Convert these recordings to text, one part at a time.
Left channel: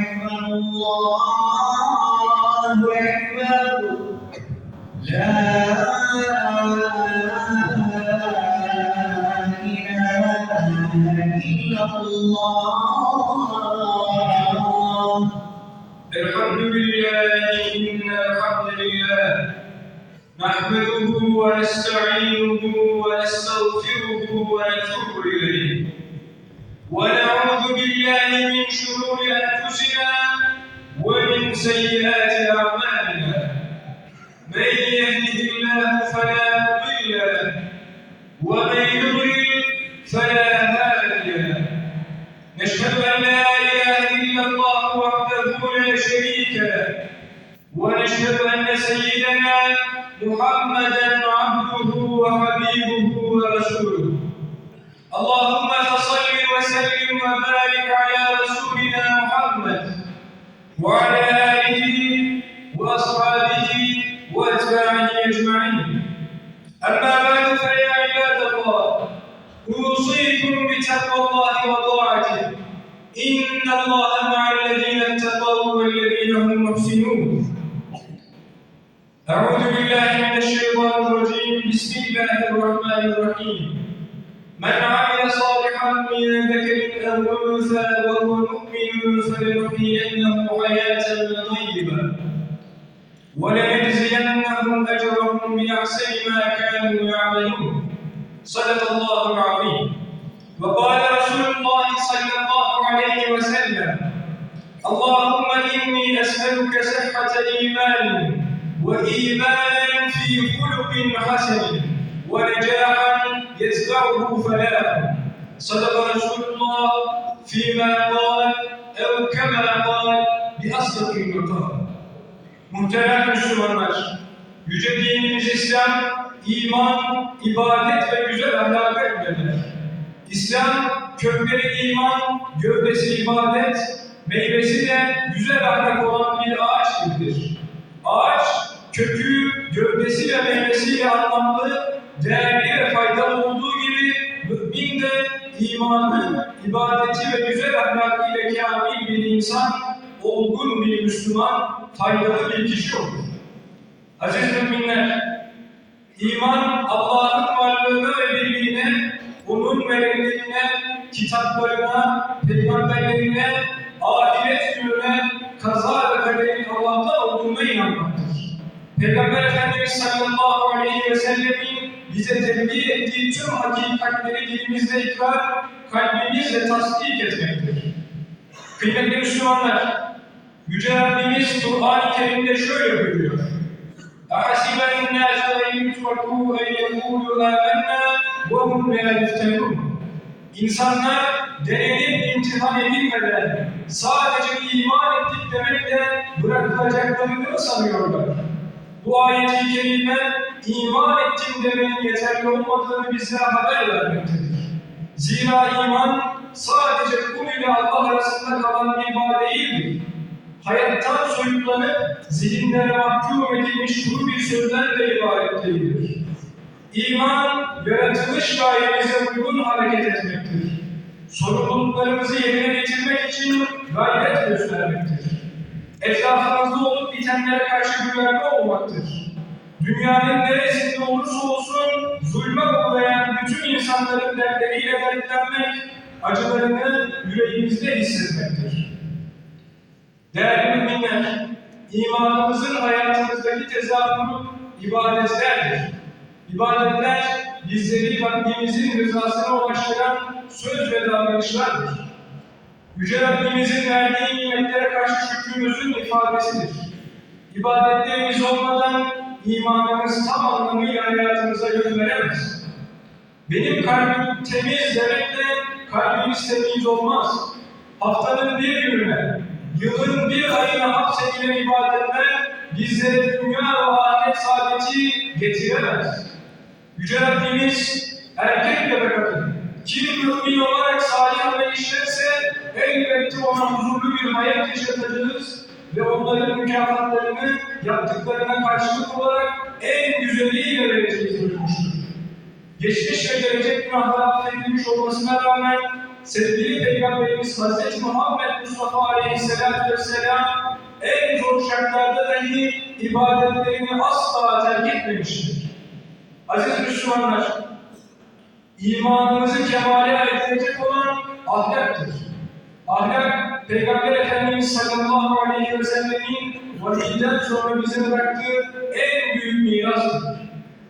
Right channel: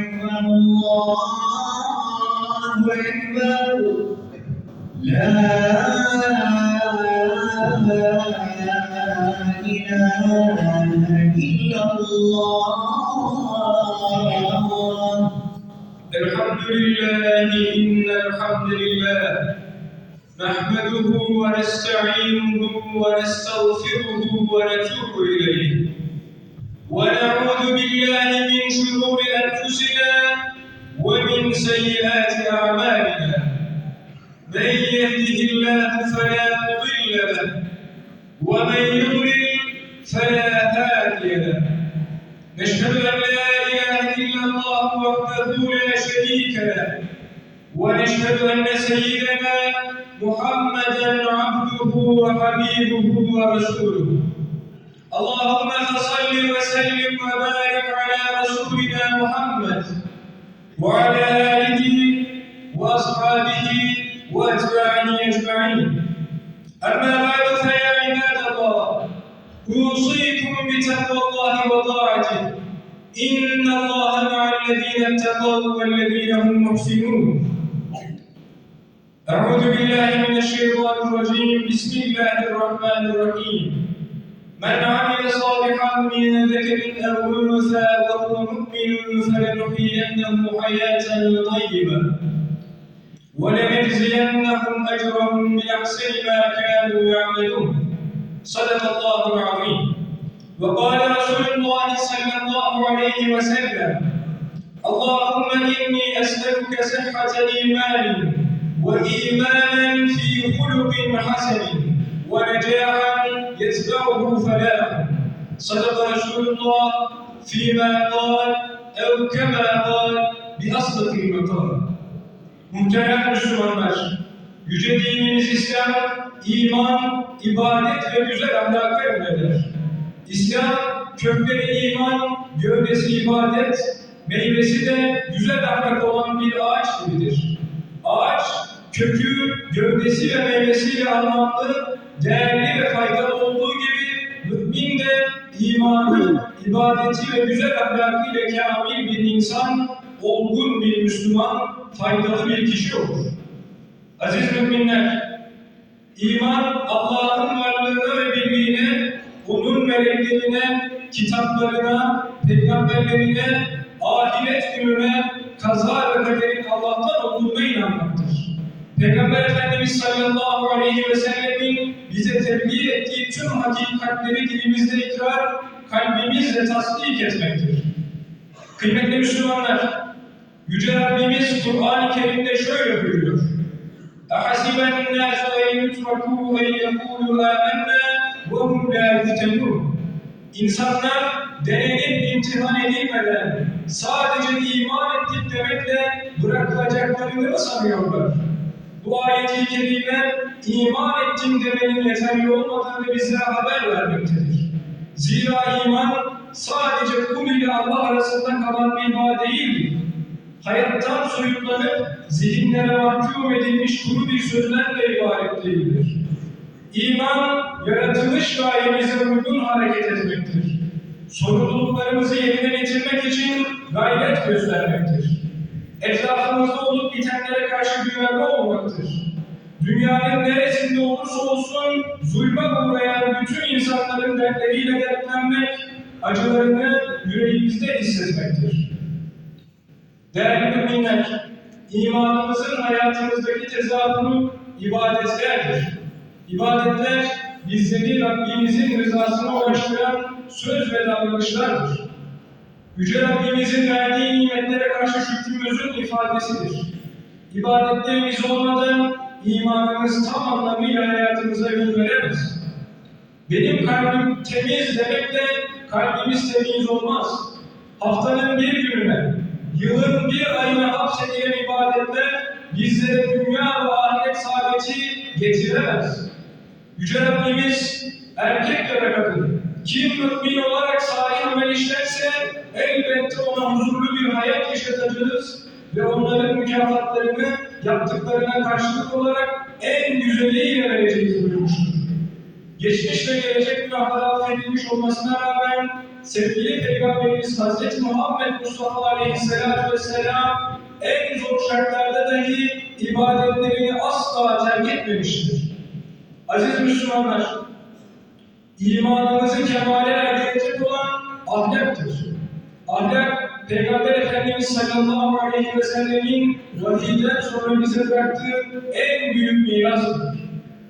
أكبر الله. أكبر لا إله إلا الله. الحمد لله إن الحمد لله نحمده ونستعينه ونستغفره ونتوب اللهم فصل وسلم وبارك على رسولنا محمد وعلى آله وأصحابه وأتباعه أجمعين. أما بعد فيا عباد الله أوصيكم بتقوى الله وطاعته. إن الله مع الذين اتقوا والذين هم محسنون. أعوذ بالله من الشيطان الرجيم. بسم الله الرحمن الرحيم. من عمل صالحا من ذكر أو أنثى وهو مؤمن فلنحيينه حياة طيبة. ولنجزينهم أجرهم بأحسن ما كانوا يعملون. صدق الله العظيم. وقال رسول الله صلى الله عليه وسلم اللهم إني أسألك صحة إيمان وإيمانا في خلق حسن ونجاحا يتبعه فلاح صدق رسول الله فيما قال أو كما قال بأصدق المقال Muhterem Müslümanlar, yüce dinimiz İslam, iman, ibadet ve güzel ahlaka emreder. İslam, kökleri iman, gövdesi ibadet, meyvesi de güzel ahlak olan bir ağaç gibidir. Ağaç, kökü, gövdesi ve meyvesiyle anlamlı, değerli ve faydalı ve güzel ahlakıyla kamil bir insan, olgun bir Müslüman, faydalı bir kişi olur. Aziz müminler, iman Allah'ın varlığına ve birliğine, onun meleklerine, kitaplarına, peygamberlerine, ahiret gününe, kaza ve kaderin Allah'tan olduğuna inanmaktır. Peygamber Efendimiz sallallahu aleyhi ve sellemin bize tebliğ ettiği tüm hakikatleri dilimizde ikrar, kalbimizle tasdik etmektir. Kıymetli Müslümanlar, Yüce Rabbimiz Kur'an-ı Kerim'de şöyle buyuruyor. أَحَسِبَ النَّاسُ أَنْ يُتْرَكُوا أَنْ يَقُولُوا آمَنَّا وَهُمْ لَا يُفْتَنُونَ İnsanlar denenip imtihan edilmeden sadece iman ettik demekle bırakılacaklarını mı sanıyorlar? Bu ayet-i kerime iman ettim demenin yeterli olmadığını bize haber vermektedir. Zira iman sadece kul ile Allah arasında kalan bir bağ değildir. Hayattan soyutlanıp zihinlere mahkum edilmiş kuru bir sözden de ibaret değildir. İman, yaratılış gayemize uygun hareket etmektir. Sorumluluklarımızı yerine getirmek için gayret göstermektir. Etrafımızda olup bitenlere karşı duyarlı olmaktır. Dünyanın neresinde olursa olsun zulme uğrayan bütün insanların dertleriyle dertlenmek, acılarını yüreğimizde hissetmektir. Değerli müminler, imanımızın hayatımızdaki tezahürü ibadetlerdir. İbadetler bizleri Rabbimizin rızasına ulaştıran söz ve davranışlardır. Yüce Rabbimizin verdiği nimetlere karşı şükrümüzün ifadesidir. İbadetlerimiz olmadan imanımız tam anlamıyla hayatımıza yön veremez. Benim kalbim temiz demekle kalbimiz temiz olmaz. Haftanın bir gününe, yılın bir ayına hapsedilen ibadetler bizlere dünya ve ahiret saadeti getiremez. Yüce Rabbimiz erkek da kadın, kim mümin olarak salih amel işlerse elbette ona huzurlu bir hayat yaşatacağız ve onların mükafatlarını yaptıklarına karşılık olarak en güzeliyle vereceğiz buyurmuştur. Geçmiş ve gelecek günahları affedilmiş olmasına rağmen sevgili Peygamberimiz Hazreti Muhammed Mustafa Aleyhisselatü Vesselam en zor şartlarda dahi ibadetlerini asla terk etmemiştir. Aziz Müslümanlar, imanımızı kemale erdirecek olan ahlaktır. Ahlak, Peygamber Efendimiz sallallahu aleyhi ve sellemin vahiyden sonra bize bıraktığı en büyük mirastır.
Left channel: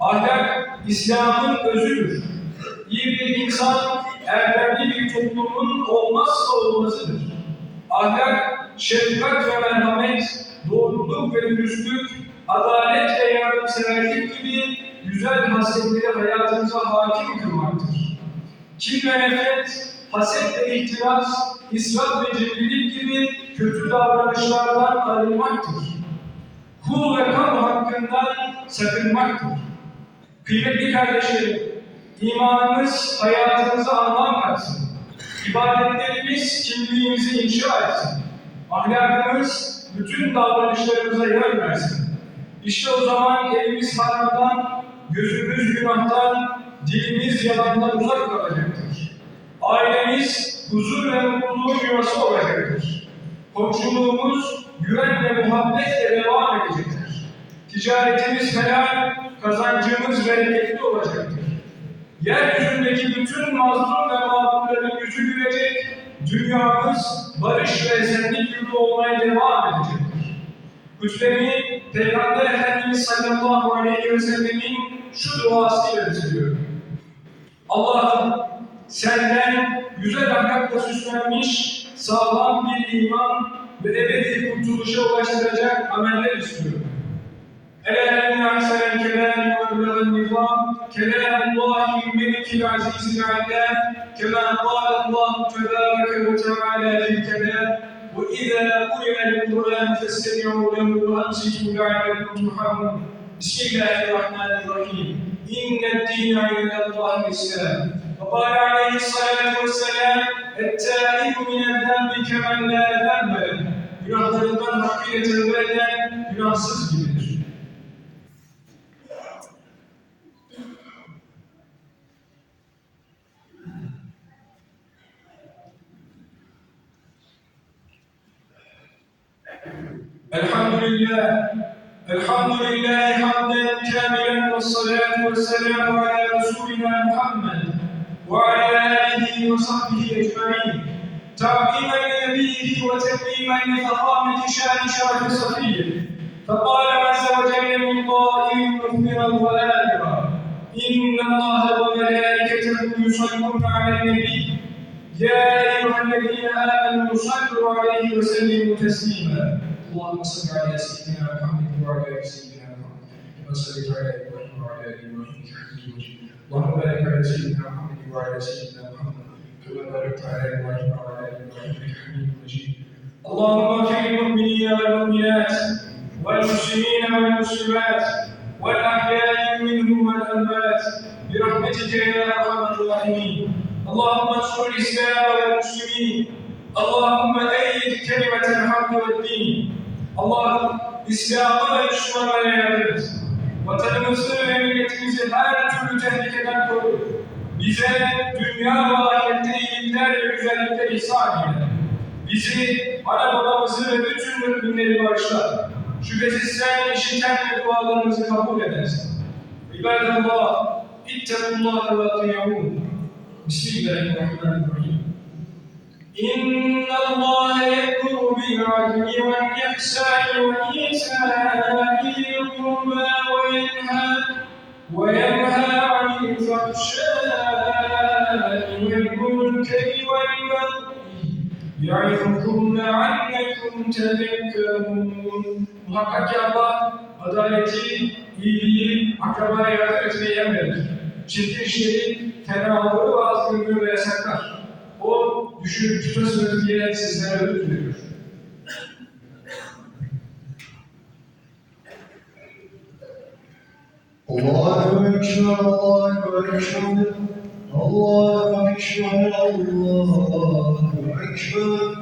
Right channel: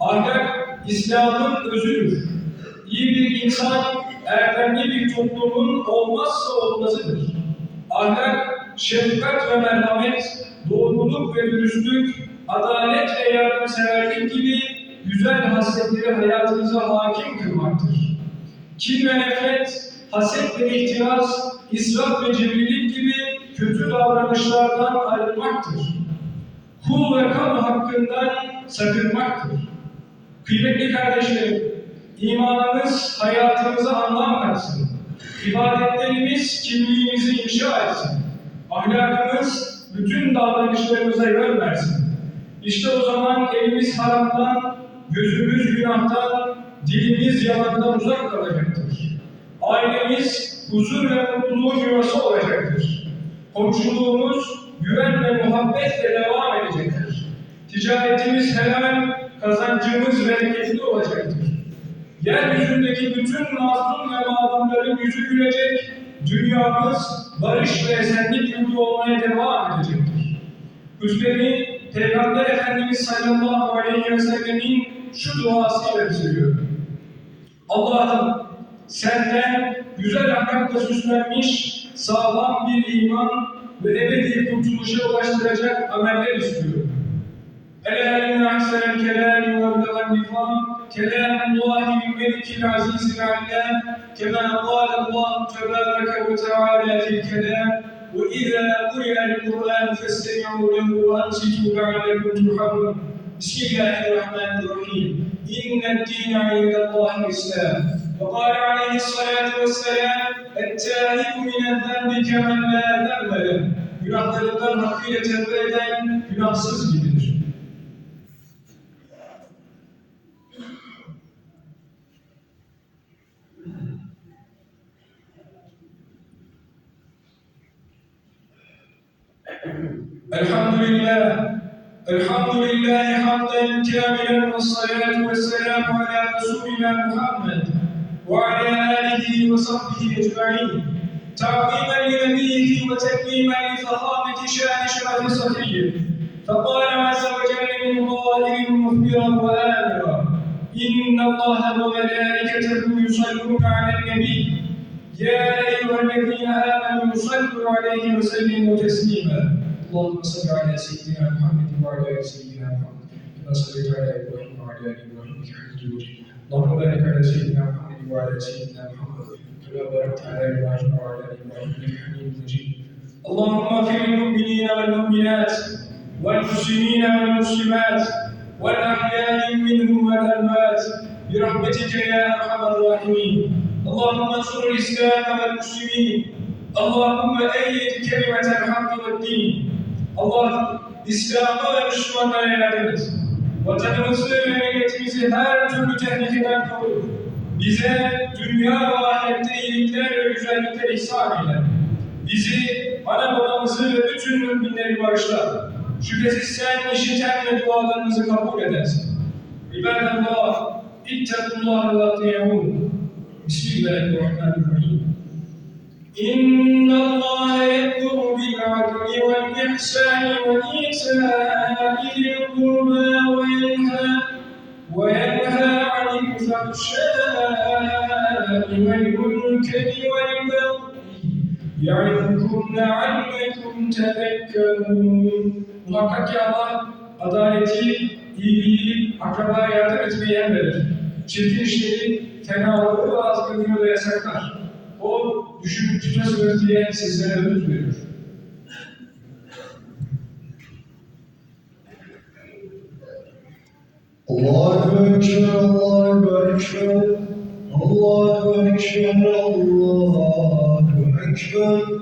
Ahlak, İslam'ın özüdür. İyi bir insan, erdemli bir toplumun olmazsa olmazıdır. Ahlak, şefkat ve merhamet, doğruluk ve dürüstlük, adalet ve yardımseverlik gibi güzel hasletleri hayatımıza hakim kılmaktır. Kin ve nefret, haset ve ihtiras, israf ve cimrilik gibi kötü davranışlardan arınmaktır. Kul ve kamu hakkından sakınmaktır. Kıymetli kardeşlerim, imanımız hayatımıza anlam katsın. İbadetlerimiz kimliğimizi inşa etsin. Ahlakımız bütün davranışlarımıza yön versin. İşte o zaman elimiz haramdan, gözümüz günahtan, dilimiz yalandan uzak kalacaktır. Ailemiz huzur ve mutluluğun yuvası olacaktır. Komşuluğumuz güven ve muhabbetle devam edecektir. Ticaretimiz helal, kazancımız bereketli olacaktır. Yeryüzündeki bütün mazlum ve mağdurların yüzü gülecek, dünyamız barış ve esenlik yurdu olmaya devam edecektir. Hüsnemi Peygamber Efendimiz sallallahu aleyhi ve sellemin şu duasıyla bitiriyorum. Allah'ım senden güzel ahlakla süslenmiş sağlam bir iman ve ebedi kurtuluşa ulaştıracak ameller istiyorum. Ela inna ahsenel kelami ve belan nizam kelamullahi melikil azizil alem kema kâle Allah tebâreke ve teâlâ fil kelam ve izâ kuriyel Kur'an festemi'u lehu ve ansitu le'alekum turhamun Bismillahirrahmanirrahim. İnned dîne indallâhi islam Ve kâle aleyhissalâtu vesselâm التائب من الذنب كمن لا ذنب له Günahlarından hakkıyla tevbe eden günahsız gibidir. الحمد لله الحمد لله حمدا كاملا والصلاة والسلام على رسولنا محمد وعلى آله وصحبه أجمعين تعظيما لنبيه وتكريما لفخامة شأن شرف صفيه فقال عز وجل من قائل مخبرا وآمرا إن الله وملائكته يصلون على النبي. يا أيها الذين آمنوا صلوا عليه وسلموا تسليما. اللهم صل على سيدنا محمد وعلى آل سيدنا محمد كما صليت على إبراهيم وعلى آل إبراهيم إنك حميد مجيد اللهم بارك على سيدنا محمد وعلى آل سيدنا محمد. اللهم اغفر للمؤمنين والمؤمنات والمسلمين والمسلمات والأحياء منهم والأموات برحمتك يا أرحم الراحمين اللهم انصر الإسلام والمسلمين اللهم أيد كلمة الحق والدين Allah İslam'a ve Müslümanlara yardım et. Vatanımızı ve milletimizi. Bize dünya ve güzellikler ihsan eyle. Bizi, ana babamızı ve bütün müminleri bağışla. Şüphesiz sen işiten ve dualarımızı kabul edersin. İbadallah, ittakullaha ve atiyahun. Bismillahirrahmanirrahim. إن الله يأمر بالعدل والإحسان وإيتاء ذي القربى وينهى وينهى عن الفحشاء mümkün tefekkürün. Muhakkak ki Allah adaleti, iyiliği, akrabaya yardım etmeyi emredir. Çirkin işleri, fenalığı ve azgınlığı yasaklar. O düşünüp tutasınız diye sizlere ödül veriyor. Allahu Ekber, Allahu Ekber, Allahu Ekber, Allahu Ekber.